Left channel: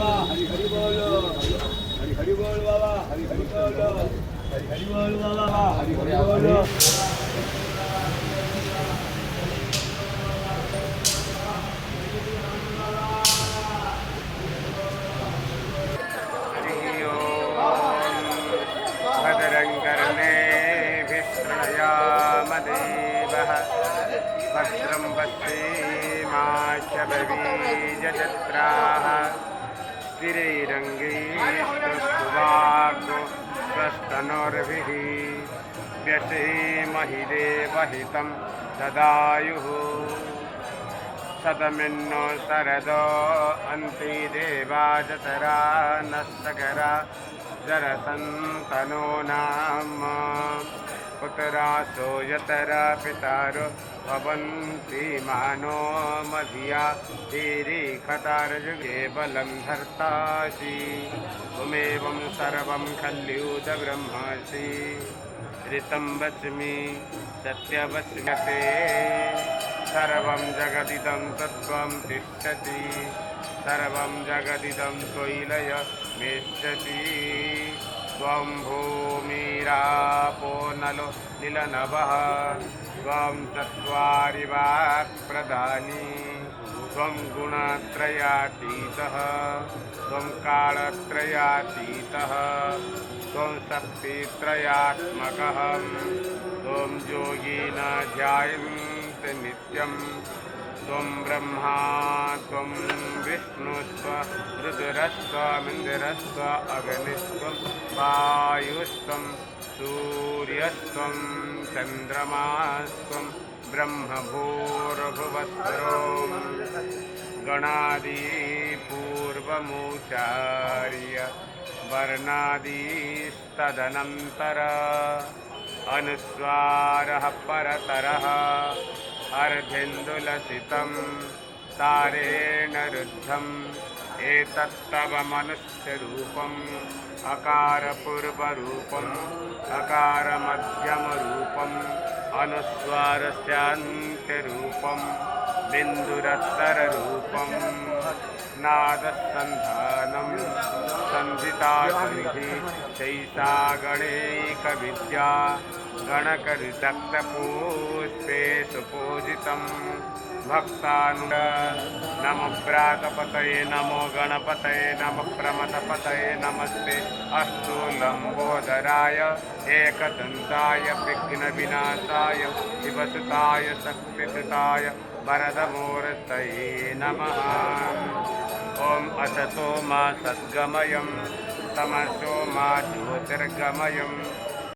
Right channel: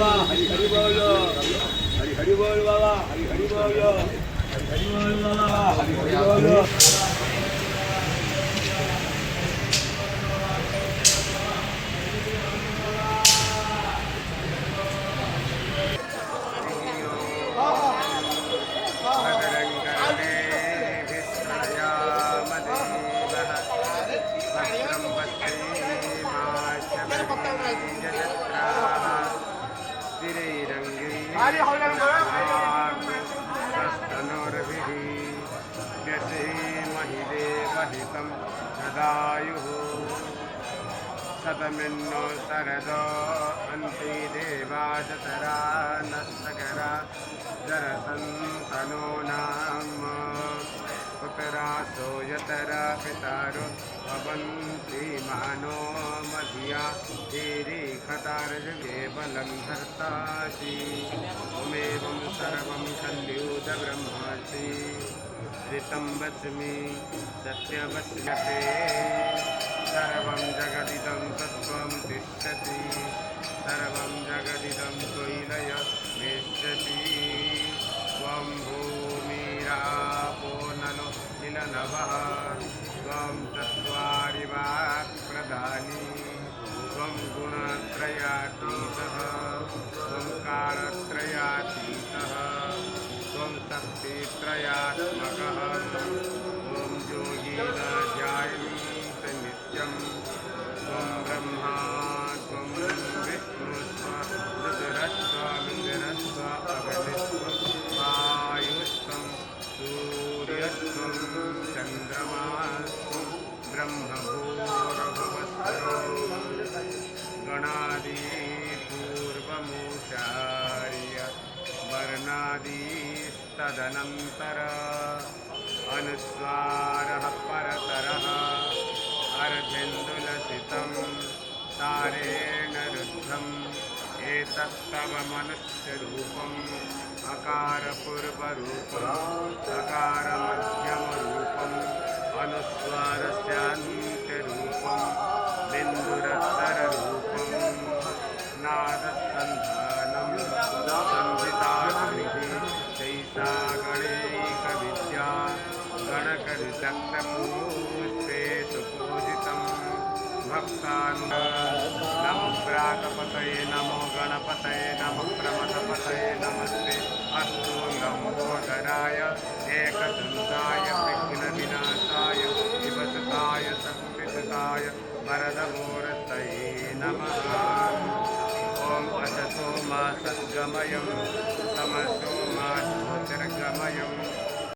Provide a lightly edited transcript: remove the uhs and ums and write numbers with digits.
बाबा हरि हरि बोल हरि हरि बोल बाबा हरि हरि बोल हरि हरि बोल बाबा हरि हरि बोल महिदेवहितं सदायुः सदमिन्नो सरदो अन्ति देवा दशरा नस्तकरा जरसन्तनो नाम पुत्रासो यतरा पितारो भवन्ति मानो मधिया धीरे खतारजुगे बलं धर्तासि त्वमेवं सर्वं खल्युत ब्रह्मासि ऋतं वच्मि सत्यवच्मते सर्वं जगदिदं तत्त्वं तिष्ठति सर्वं जगदिदं त्वयि निष्ठति त्वं भूमिरापो नलो निलनभः त्वं चत्वारि वाक्प्रधानी त्वं गुणत्रयातीतः त्वं कालत्रयातीतः त्वं शक्तित्रयात्मकः त्वं योगिन ध्यायन्ति नित्यं त्वं ब्रह्मा त्वं विष्णुस्त्व रुद्रस्त्वमिन्द्रस्त्व अग्निस्त्वं वायुस्त्वं सूर्यस्त्वं चन्द्रमास्त्वं ब्रह्मभूर्भुवस्सरो गणादिपूर्वमुच्चार्य वर्णादिस्तदनन्तर अनुस्वारः परतरः अर्धेन्दुलसितं तारेण रुद्धम् एतत्तव मनुष्यरूपम् अकारपूर्वरूपम् अकारमध्यमरूपम् अनुस्वारस्यान्त्यरूपम् बिन्दुरत्तररूपम् नादसन्धानं संहिताभिः चैसा गणैकविद्या गणकविदग्धपुष्पे सुपूजितं नमो व्रातपतये नमो गणपतये नमो प्रमथपतये नमस्ते अस्तु लम्बोदराय एकदन्ताय विघ्नविनाशाय शिवसुताय शक्तिसुताय वरदमूर्तये नमः। ॐ असतो मा सद्गमयं तमसो मा ज्योतिर्गमयम्